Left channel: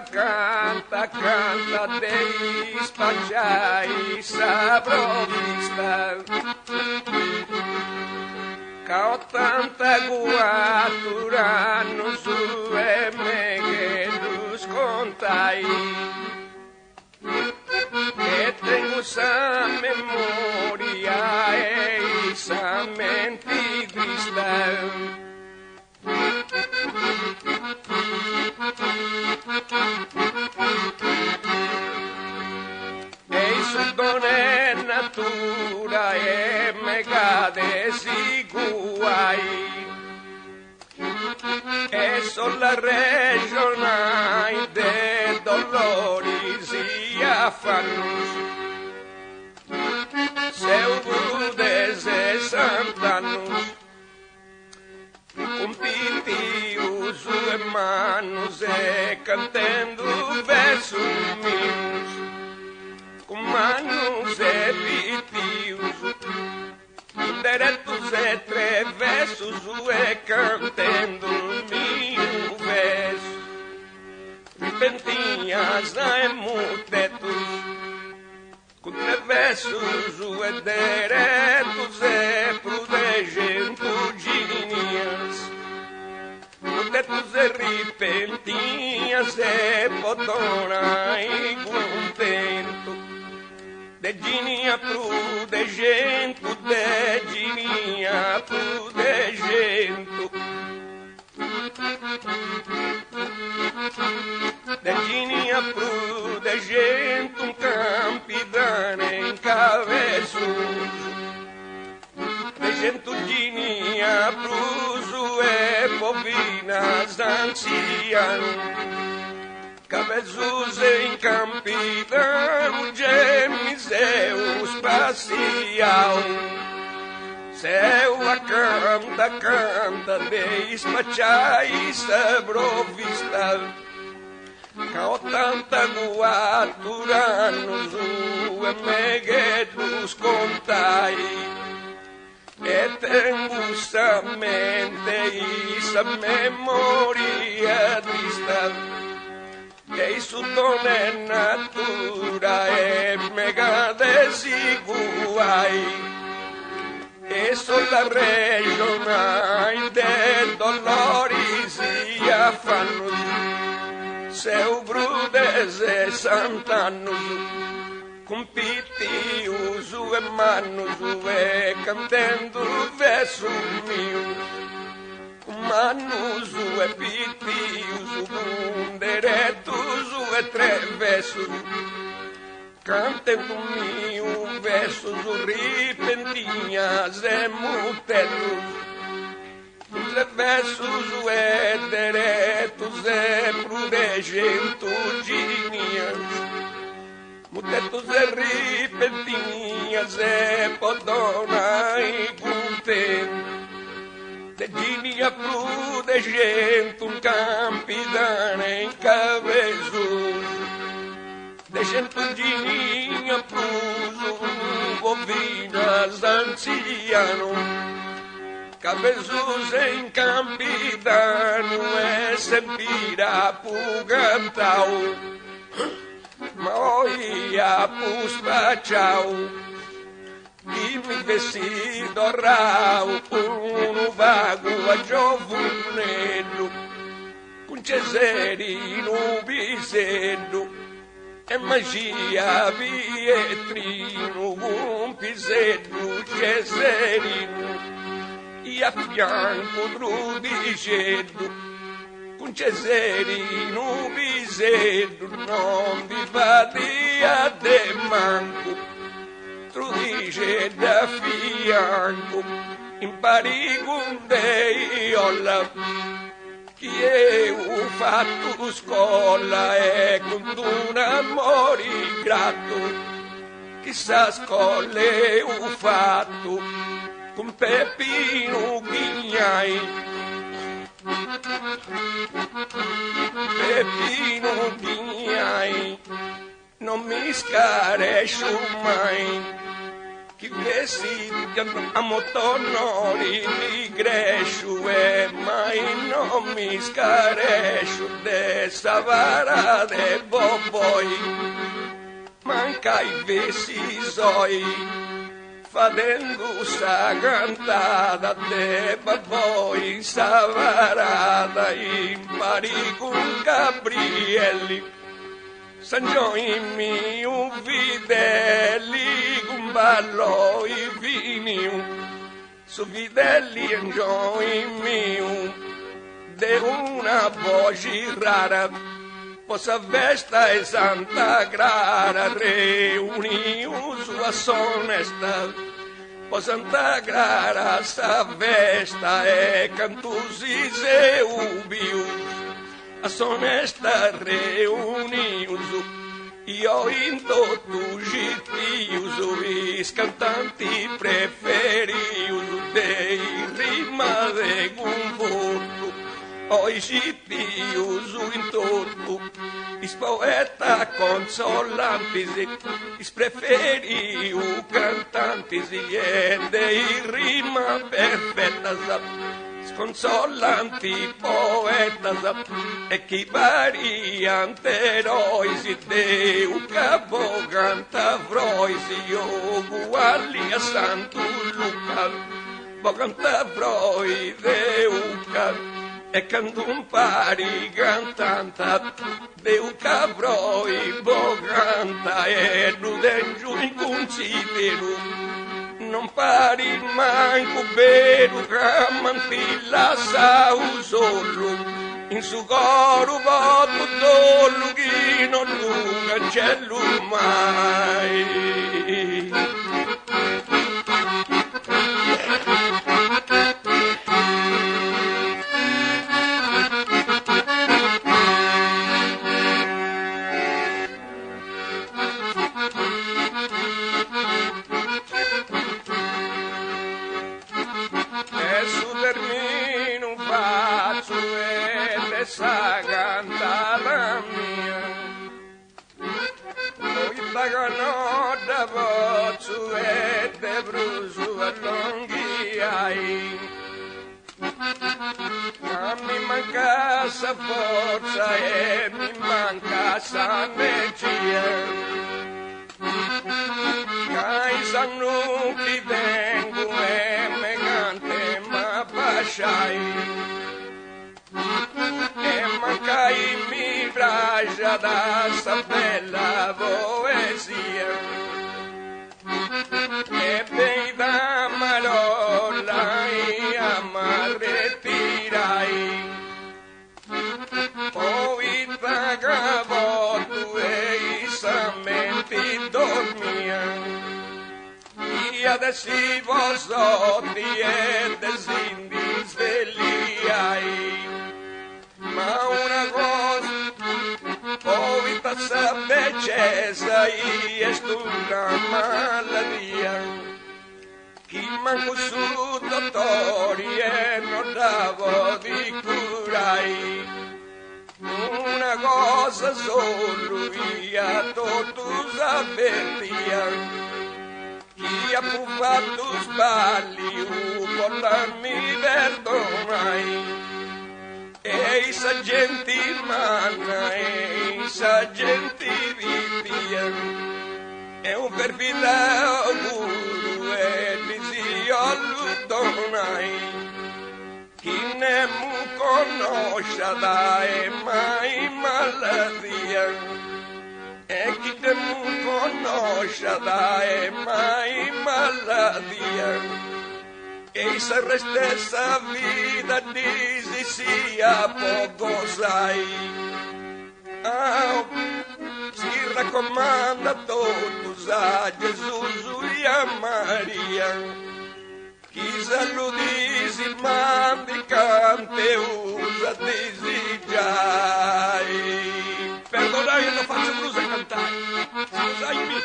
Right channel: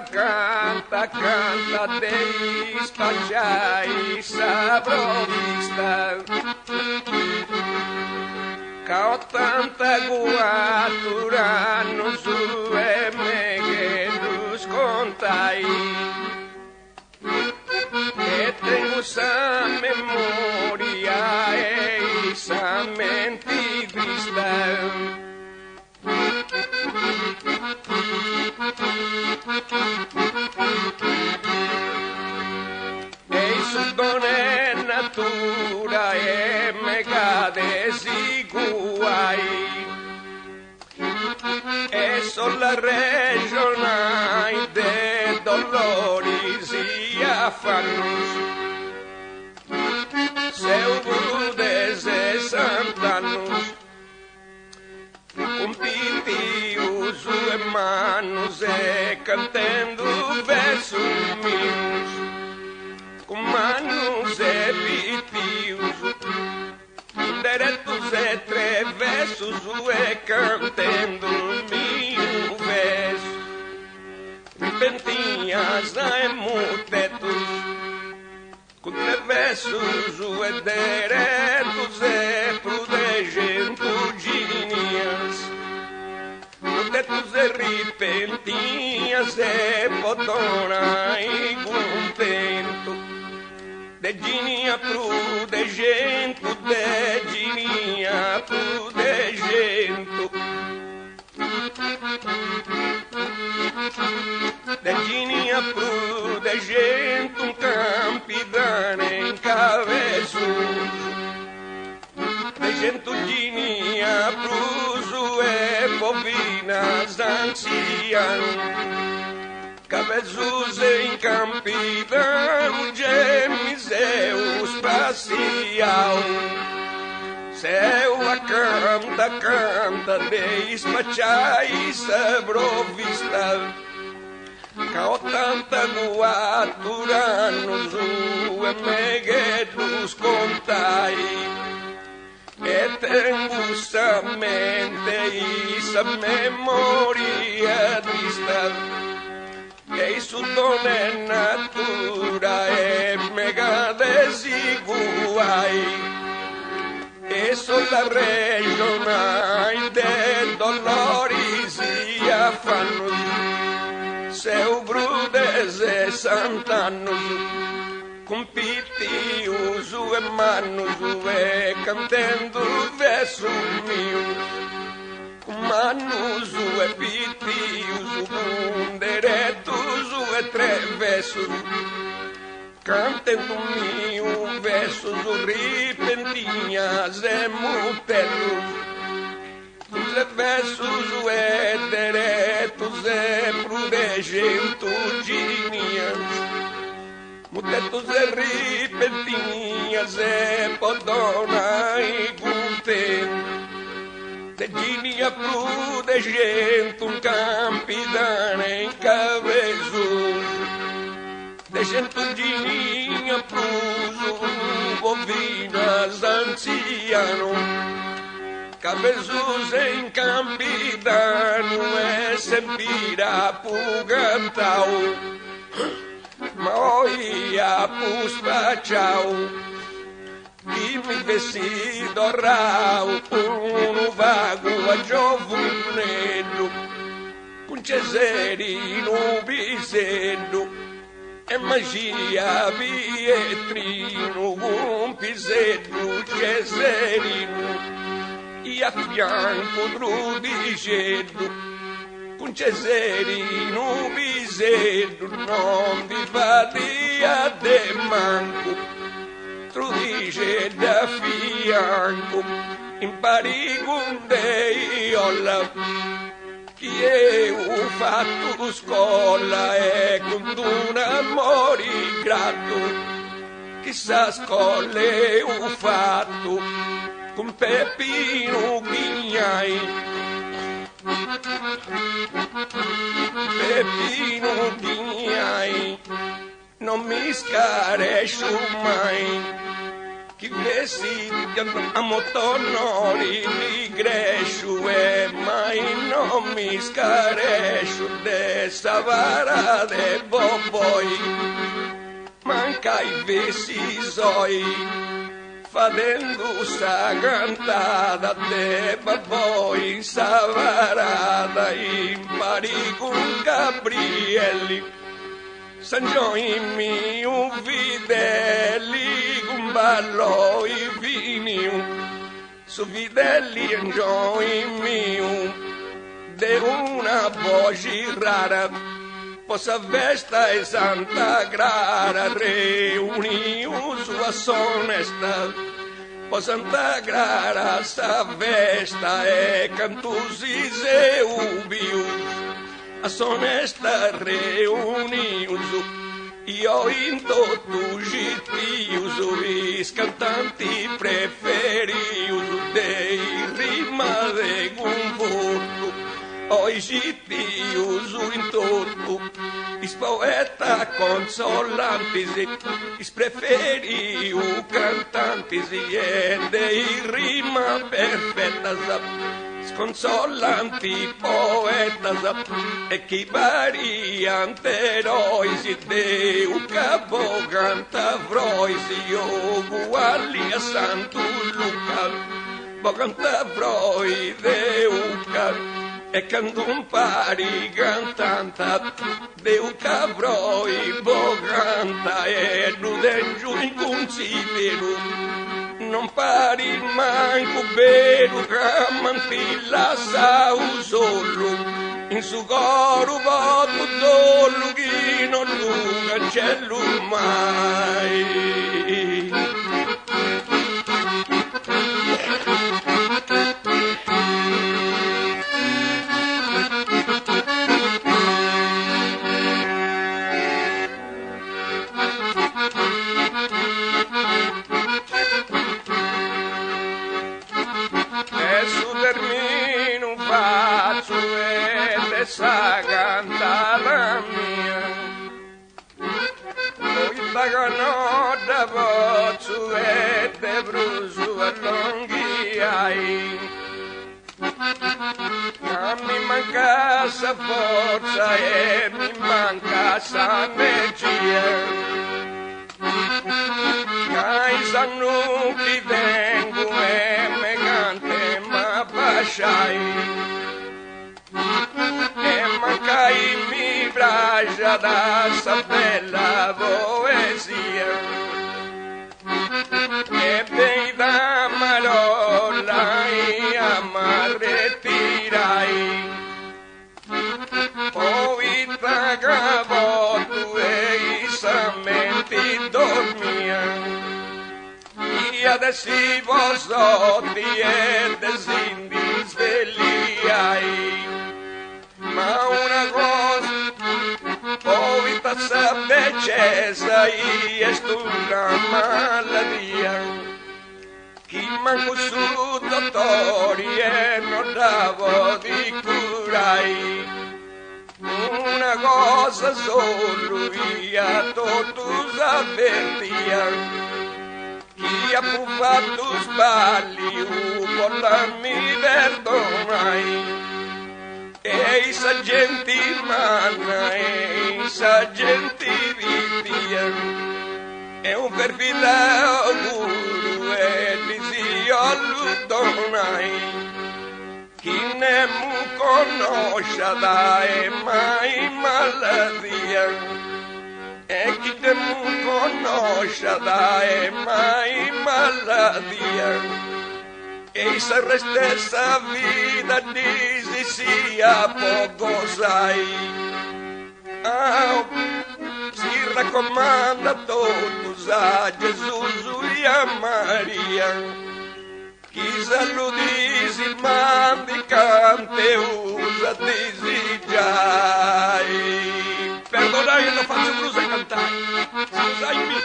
canta, canta, dei spacciai sabrovista. Ca 80 guaturano su e me che tu scontai. E tengo sa memoria e sa mentiguista. E su donne natura e me cade si guai. E sulla regione de dolori si affanno. Seu de 60 anos, com pitios e manos e cantando versos meus, com manos e pitios, diretos e versos e cantando mil versos, repentinhas e mutetos, com versos e diretos e prudegentudinhas, mutetos e repentinhas e podona e contento, dedinha prudegento, dedinha prudegento, dedinha prudegento, um campidane em cabeçudo, degentudinha pruso e bovinas ancianas, cabeços em campidão, gemiseus passeau. Seu a canta, canta, de espachai sabrovista. Ca 80 guaturanos e meguetus contai. E tengo sa mente e sa memoria trista. E su donne natura e mega desiguai. E sulla regione del dolori si affanno. Seu brude 60 annos, com pitios e manos e cantando versos meus, com manos e pitios, com diretos e versos, cantando mil versos repentinhas e mutetos, com versos e diretos e prudegentudinhas, mutetos e repentinhas e podona e contento, dedinha prudegento, um campidane em cabeçudo, degentudinha pruso, bovinas anciano, cabeços em campidano e sempira pugantal, moia puspachau, e me vestido rau, um vago a giovunello, com cesarino bisedo, e magia Pietrino, un pisello cesarino, e a fianco Drudicello, con cesarino bisello, non vi valia de manco, Drudicello a fianco, in parigundeiola, che ho fatto scuola e con un amore grato, chissà scuola ho fatto con Peppino Ghignai, Peppino Ghignai, non mi scarescio mai, chi vestiti a motonori li gresciu e mai non mi scaresciu de savara de boboi manca i vesisoi fadendo sta cantata de boboi savarada impari con Gabrielli San Gioimi videelli con ballo i vini su videelli e Gioimi de una voce rara posa vesta e Santa Clara reuniu sua sonesta po Santa Clara sta vesta e cantusi se ubiu a sonesta reunius io in totu gitius is cantanti preferius dei rima de conforto oi gitius in totu is poeta consolantis is preferiu cantantis e dei rima perfettas sconsolanti poetas e chi variante roisi deu capo canta vroisi io uguali a Santo Luca bo canta vroi deuca e candun pari cantanta deuca vroi bo canta e nudengiu in consideru non pari manco beru camantilla sau solo in su coro voto dollu chi non lunga c'è lui mai sa cantata mia noi pagano da pozzo e de brusu a longhiai ma mi manca sa forza e mi manca sa energia ai sanno che vengo e me cante ma basciai e mancai mi bragia da sta bella poesia e bei da marola e amarretirai poi pagavo tu e i sammenti dormia e adesso vosotti e desindi svegliai ma una cosa poi passa decesa e una maladia chi manco su dottori e non davo di curai una cosa solo via totus avvertia chi ha fatto sbagli con la mi perdonai e i saggenti manna e i saggenti via e un perfida guru e disio l'udonai chi ne mu conosce da e mai maladia e chi ne mu conosce da e mai maladia e se restessa vita disi sia poco sai si raccomanda totus a Gesù e a Maria chi saludisi mandi cante usa disigiai perdonai non faccio blues a cantare scusami